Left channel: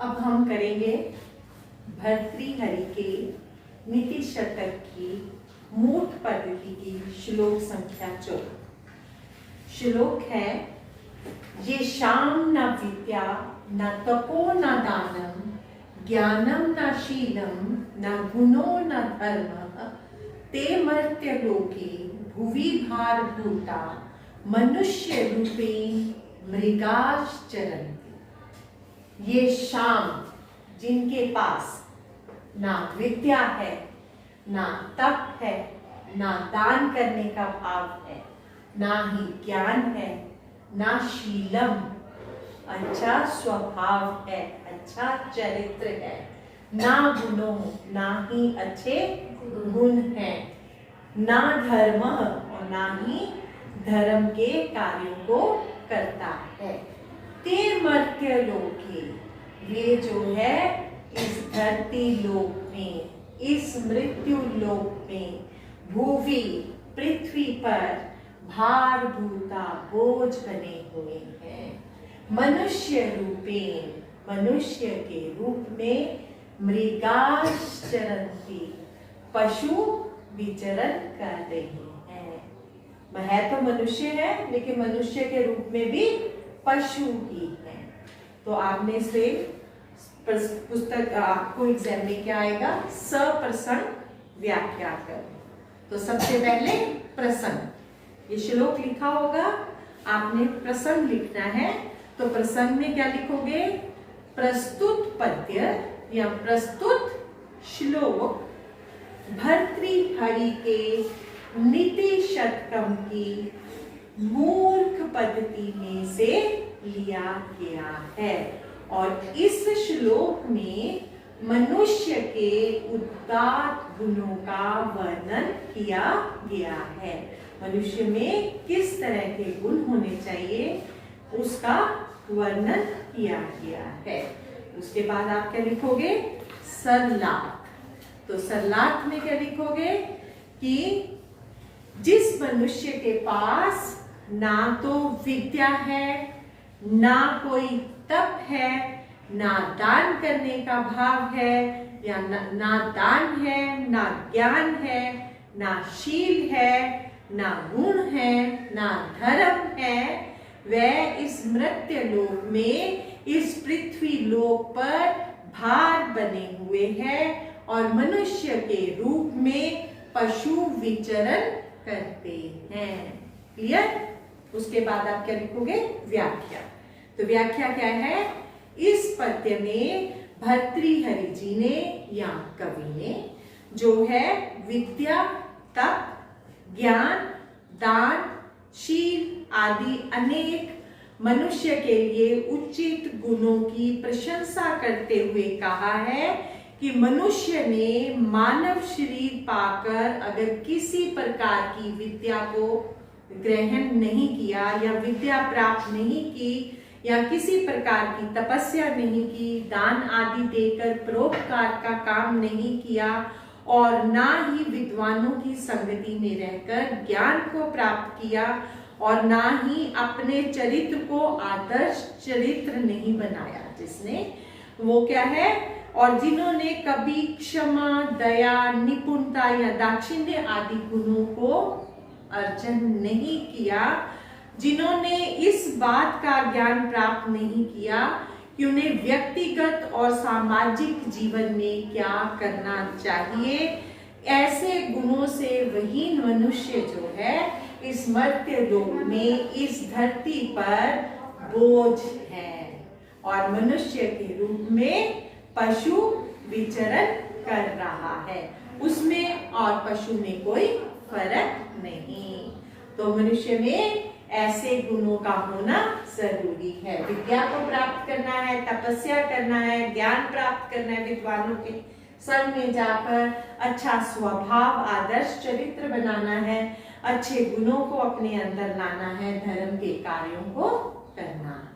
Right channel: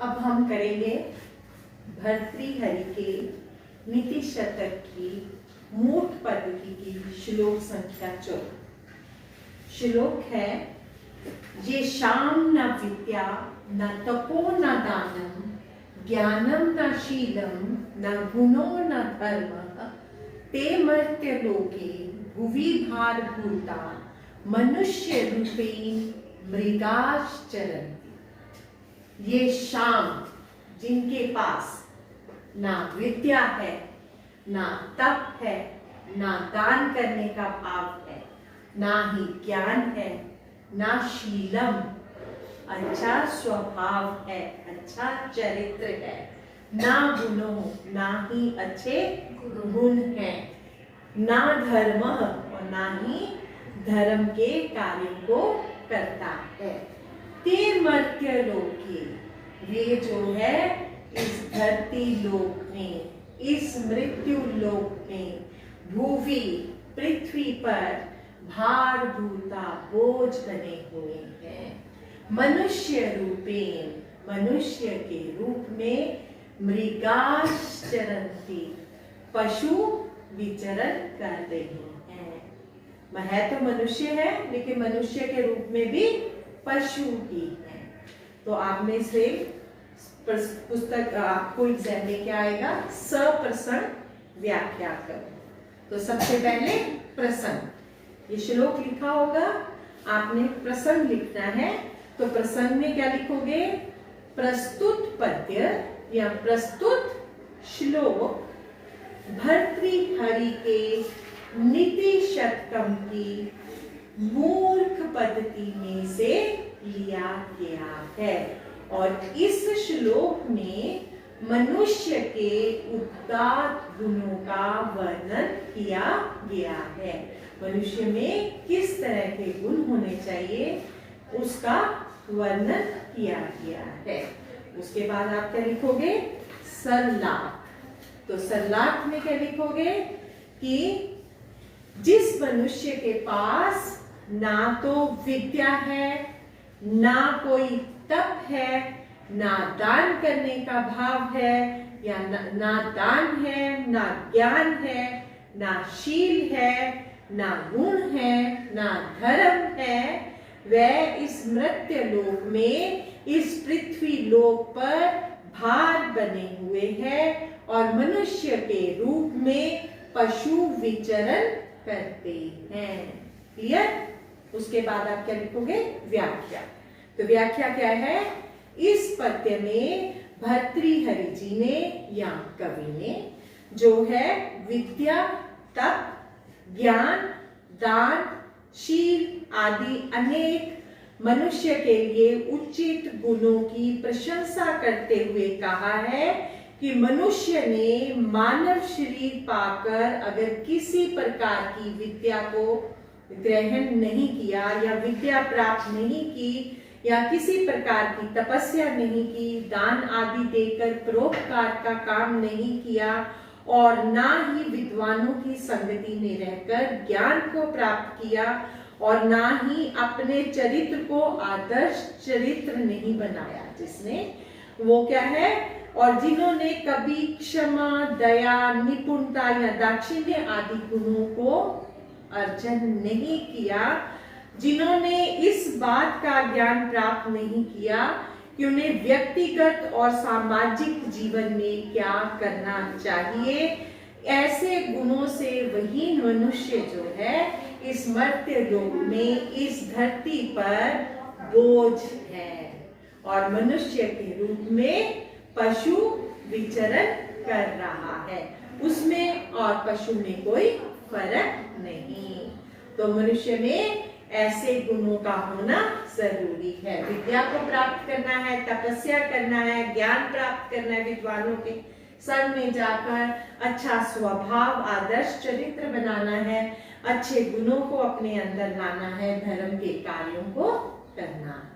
अब हम करेंगे भर्तृहरि के नीति शतक की मूठ पद्धति की श्लोक संख्या 14। श्लोक है, ये शाम न विद्या न तपो न दानम ज्ञानम न शीलम न गुणो न धर्म ते मर्त्य लोके भुवि भार भूता मनुष्य रूपे मृगाश्चरन्ति। ये शाम जिनके पास ना विद्या है, ना तप है, ना दान करने का भाव है, ना ही ज्ञान है, ना शीलम अच्छा स्वभाव है, अच्छा चरित्र है, ना गुणों ना ही अच्छे गुण हैं, ना धर्म और ना ही धर्म के कार्यों को करता है। ते मर्त्य लोके, ये जो है इस धरती लोक में, इस मृत्यु लोक में, भूवि पृथ्वी पर भार भूता बोझ बने हुए हैं। मनुष्य रूपेण, मनुष्य के रूप में, मृगाश्चरन्ति, पशु विचरण कर रहे हैं। है तो मनुष्य है, लेकिन मनुष्य के रूप में भी पशु ही है। तो आपने से पुस्तक आपको एग्जाम में क्या आएगा, सप्रसन्न व्याख्या करो। तो सबसे पहले प्रसन्न, ये श्लोक लिखा होगा, आपने प्रसन्न लिखना है। तो प्रसन्न में क्या लिखोगे, प्रस्तुत पद्य या प्रस्तुत श्लोक भर्तृहरि के नीति शतकम की मूर्ख पद्धति में से लिया गया है। और इस श्लोक में मनुष्य के उदात्त गुणों का वर्णन किया गया है। मनुष्य में किस तरह के गुण होने चाहिए उसका वर्णन किया गया है। उसके बाद आप क्या लिखोगे, सरलार्थ। तो सरलार्थ में क्या लिखोगे कि जिस मनुष्य के पास ना तो विद्या है, ना कोई तप है, ना दान करने का भाव है, या ना दान है, ना ज्ञान है, ना शील है, ना गुण है, ना धर्म है, वह इस मर्त्य लोक में, इस पृथ्वी लोक पर भार बने हुए हैं और मनुष्य के रूप में पशु विचरण करते हैं। क्लियर? उसके बाद आप क्या लिखोगे, व्याख्या। तो व्याख्या क्या है, इस पद्य में भर्तृहरि जी ने या कवि ने जो है विद्या, तप, ज्ञान, दान, शील आदि अनेक मनुष्य के लिए उचित गुणों की प्रशंसा करते हुए कहा है कि मनुष्य ने मानव शरीर पाकर अगर किसी प्रकार की विद्या को ग्रहण नहीं किया, या विद्या प्राप्त नहीं की, या किसी प्रकार की तपस्या नहीं की, दान आदि देकर परोपकार का काम नहीं किया, और ना ही विद्वानों की संगति में रहकर ज्ञान को प्राप्त किया, और ना ही अपने चरित्र को आदर्श चरित्र नहीं बनाया, जिसने वो क्या है, और जिन्होंने कभी क्षमा, दया, निपुणता या दाक्षिण्य आदि गुणों को अर्जन नहीं किया, जिन्होंने इस बात का ज्ञान प्राप्त नहीं किया कि उन्हें व्यक्तिगत और सामाजिक जीवन में क्या करना चाहिए, ऐसे गुणों से वही मनुष्य जो है इस मर्त्य लोक में, इस धरती पर बोझ है और मनुष्य के रूप में पशु विचरण कर रहा है। उसमें और पशु में कोई फर्क नहीं। तो मनुष्य में ऐसे गुणों का होना जरूरी है। विद्या को प्राप्त करना है, तपस्या करना है, ज्ञान प्राप्त करना है, विद्वानों के संग में जाकर अच्छा स्वभाव, आदर्श चरित्र बनाना है, अच्छे गुणों को अपने अंदर लाना है, धर्म के कार्यों को करना है।